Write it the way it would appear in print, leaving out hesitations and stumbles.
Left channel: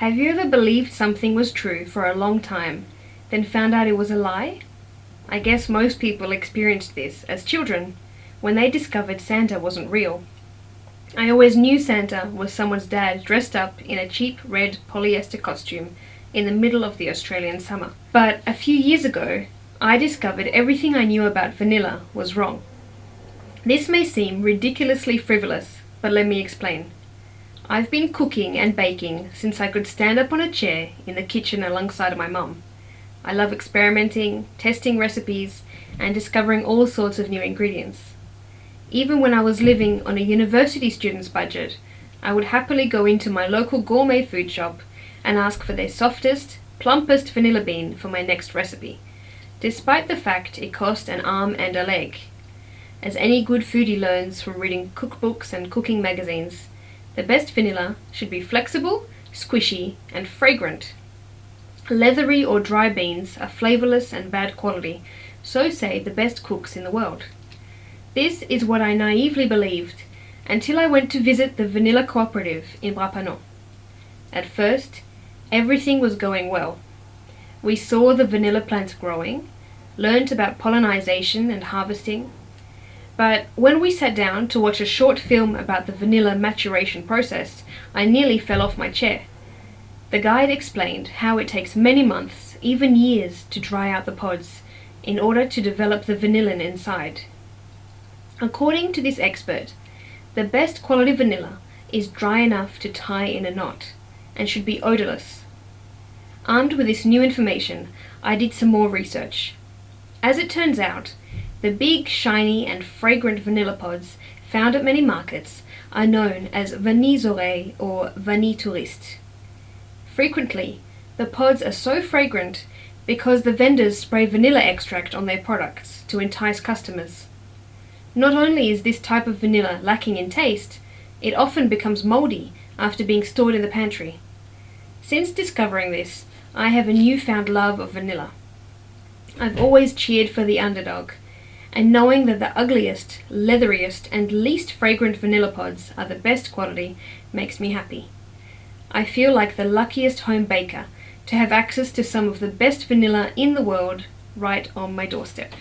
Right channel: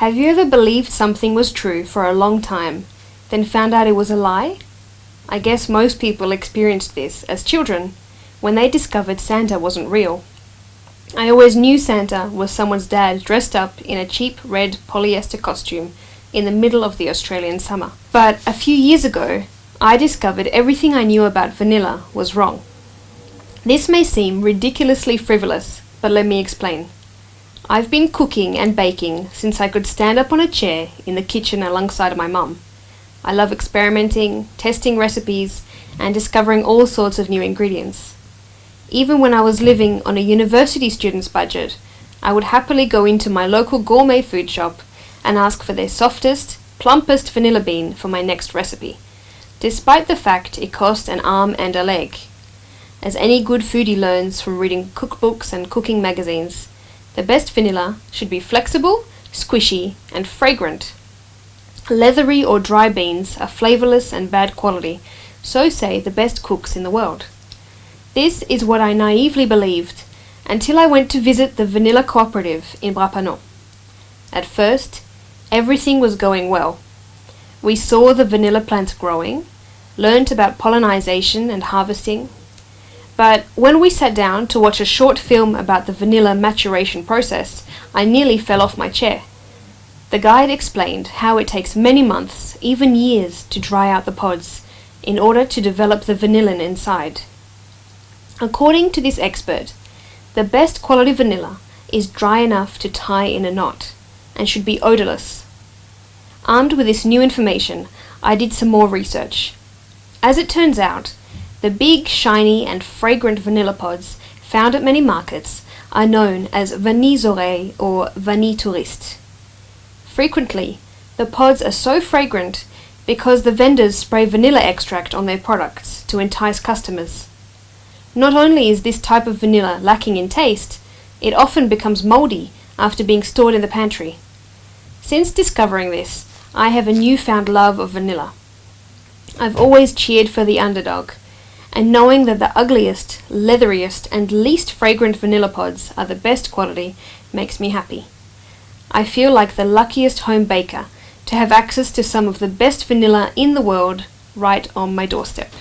Have you ever believed something was true for a long time, then found out it was a lie? I guess most people experienced this as children, when they discovered Santa wasn't real. I always knew Santa was someone's dad dressed up in a cheap red polyester costume in the middle of the Australian summer. But a few years ago, I discovered everything I knew about vanilla was wrong. This may seem ridiculously frivolous, but let me explain. I've been cooking and baking since I could stand up on a chair in the kitchen alongside my mum. I love experimenting, testing recipes, and discovering all sorts of new ingredients. Even when I was living on a university student's budget, I would happily go into my local gourmet food shop and ask for their softest, plumpest vanilla bean for my next recipe, despite the fact it cost an arm and a leg. As any good foodie learns from reading cookbooks and cooking magazines, the best vanilla should be flexible, squishy, and fragrant. Leathery or dry beans are flavorless and bad quality, so say the best cooks in the world. This is what I naively believed until I went to visit the Vanilla Cooperative in Brapanon. At first, everything was going well. We saw the vanilla plants growing, learnt about pollinization and harvesting. But when we sat down to watch a short film about the vanilla maturation process, I nearly fell off my chair. The guide explained how it takes many months, even years, to dry out the pods in order to develop the vanillin inside. According to this expert, the best quality vanilla is dry enough to tie in a knot and should be odorless. Armed with this new information, I did some more research. As it turns out, the big, shiny and fragrant vanilla pods found at many markets are known as vanilles oreilles or vanille touriste. Frequently, the pods are so fragrant because the vendors spray vanilla extract on their products to entice customers. Not only is this type of vanilla lacking in taste, it often becomes moldy after being stored in the pantry. Since discovering this, I have a newfound love of vanilla. I've always cheered for the underdog, and knowing that the ugliest, leatheriest, and least fragrant vanilla pods are the best quality makes me happy. I feel like the luckiest home baker to have access to some of the best vanilla in the world right on my doorstep.